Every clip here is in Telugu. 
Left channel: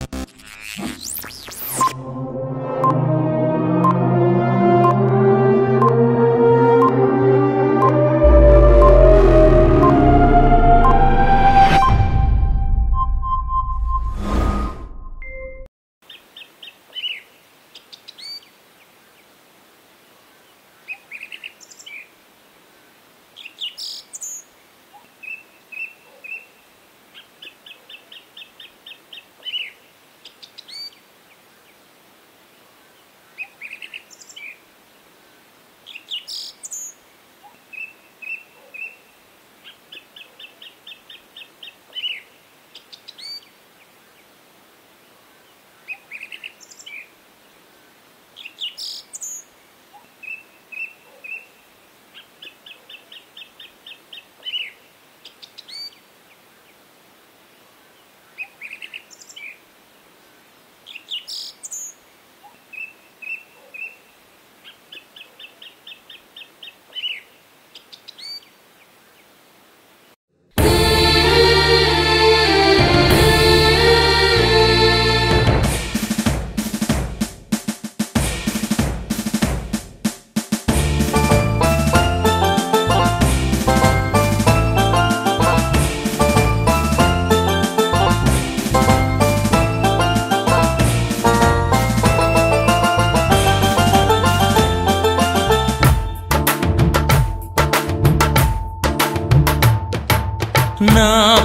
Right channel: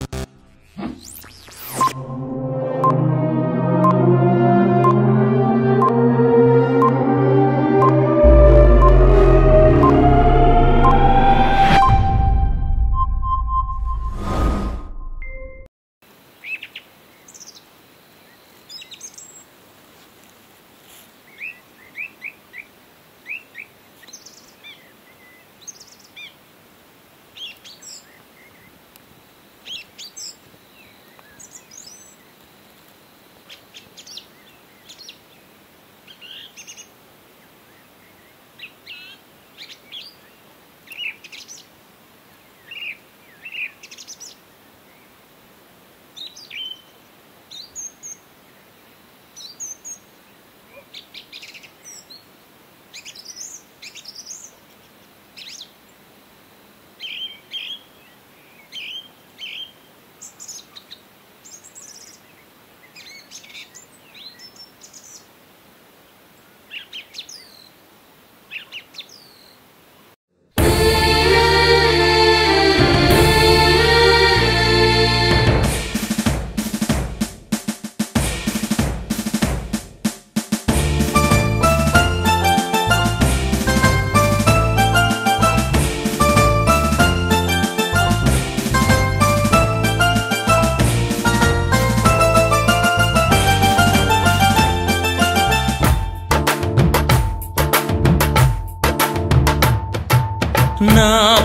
నా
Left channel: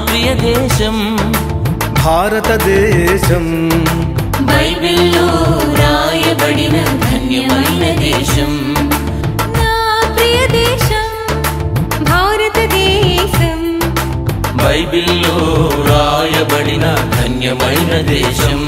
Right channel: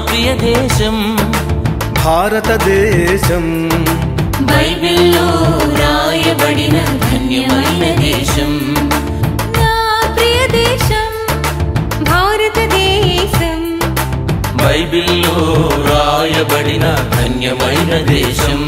ప్రియ దేశం భారతదేశం, బైబిల్లో రాయబడిన ధన్యమైన దేశం. నా ప్రియ దేశం భారతదేశం, బైబిల్లో రాయబడిన ధన్యమైన దేశం.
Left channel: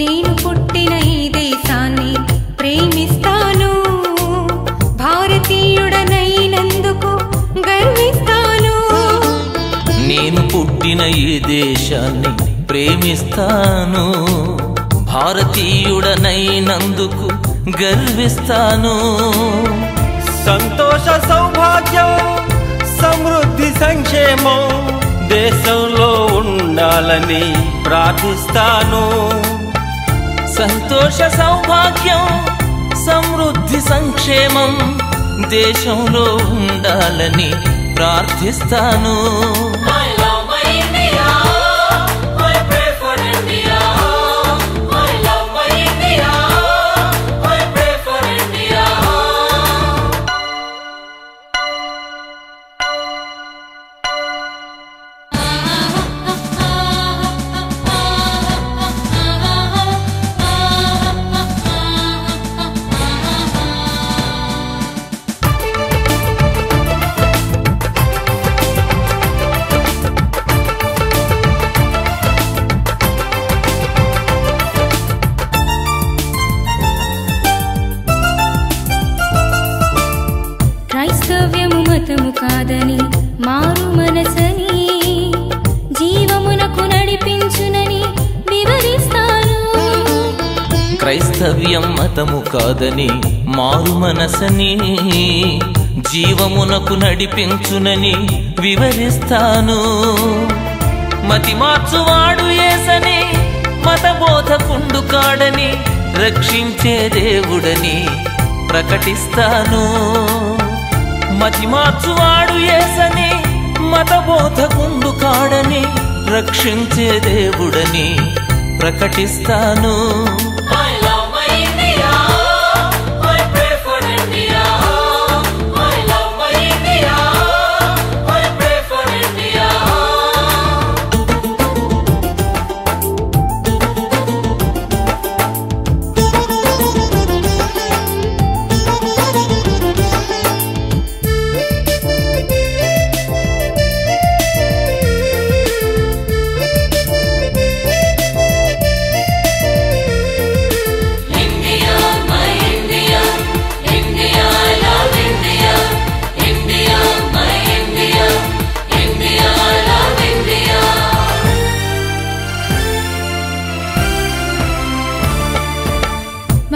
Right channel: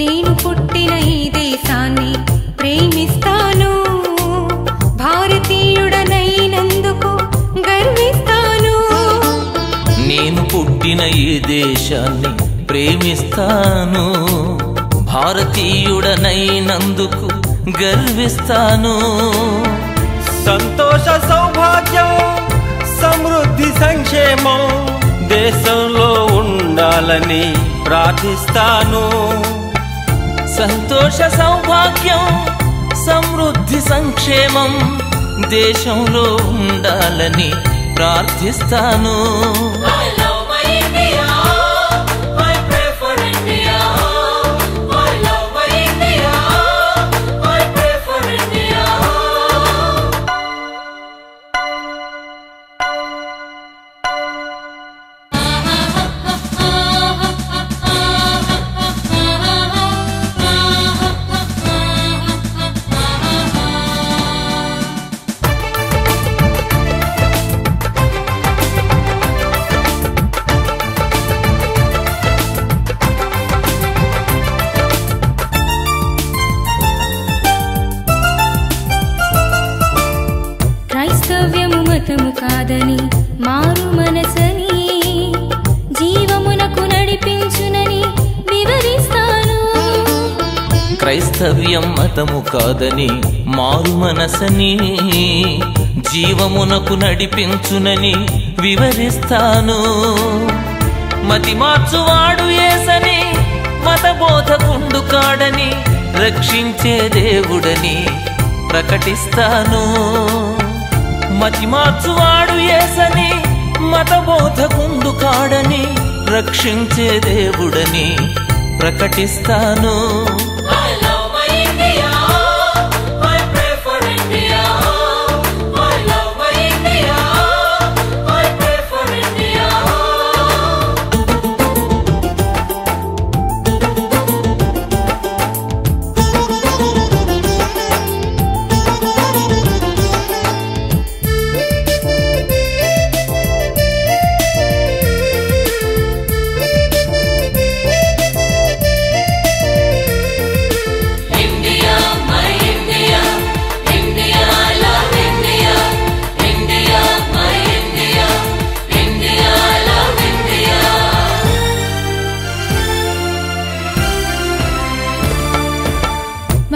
నేను పుట్టిన ఈ దేశాన్ని ప్రేమిస్తాను, భారతీయుడనైనందుకు గర్విస్తాను. నేను పుట్టిన ఈ దేశాన్ని ప్రేమిస్తాను, భారతీయుడనైనందుకు గర్విస్తాను. సంతోష సౌభాగ్యం సమృద్ధి సంక్షేమం దేశంలో ఉండాలని ప్రార్థిస్తాను. సంతోష సౌభాగ్యం సమృద్ధి సంక్షేమం దేశంలో ఉండాలని ప్రార్థిస్తాను. క్రైస్తవ్యము మతము కాదని మారు మనసని జీవమునకు నడిపించునని వివరిస్తాను. క్రైస్తవ్యం మతము కాదని మారు మనసని జీవమునకు నడిపించునని వివరిస్తాను. మతి మార్చువాడు యేసని, మత బోధకుండు కాడని, రక్షించే దేవుడని ప్రకటిస్తాను. మతి మార్చువాడు యేసని, మత బోధకుండు కాడని, రక్షించే దేవుడని ప్రకటిస్తాను.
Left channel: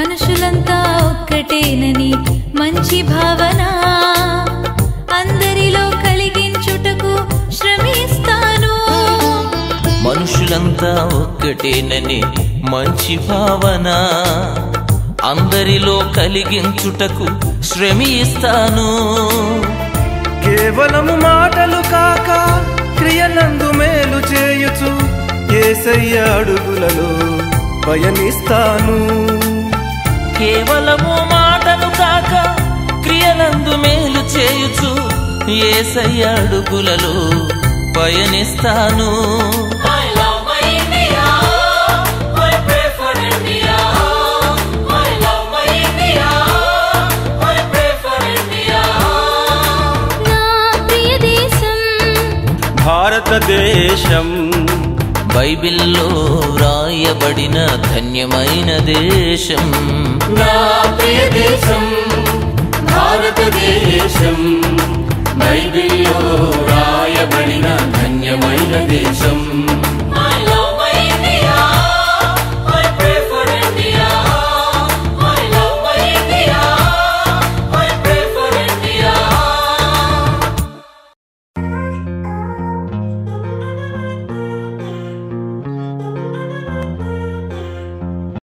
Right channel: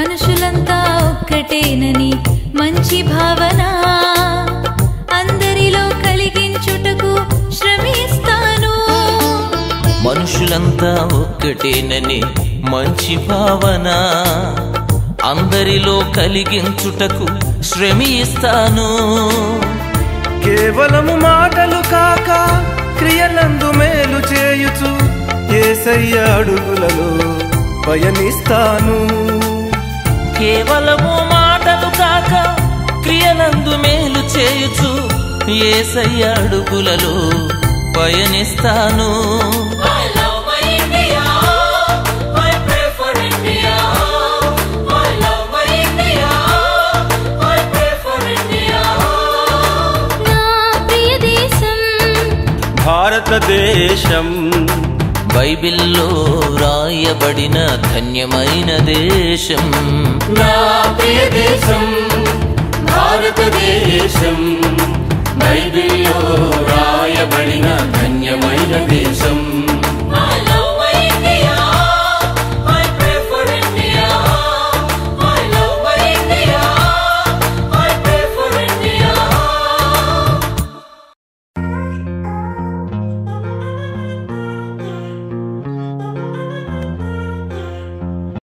మనుషులంతా ఒక్కటేనని మంచి భావన అందరిలో కలిగించుటకు శ్రమిస్తాను. మనుషులంతా ఒక్కటేనని మంచి భావన అందరిలో కలిగించుటకు శ్రమిస్తాను. కేవలము మాటలు కాక క్రియలందు మేలు చేయుచు యేసయ్య అడుగులలో పయనిస్తాను. కేవలము మాటలు కాక క్రియలందు మేలు చేయుచు యేసయ్య అడుగులలో పయనిస్తాను. భారతదేశం బైబిల్లో వ్రాయబడిన ధన్యమైన దేశం. నా ప్రియ దేశం భారతదేశం, బైబిల్లో వ్రాయబడిన ధన్యమైన దేశం.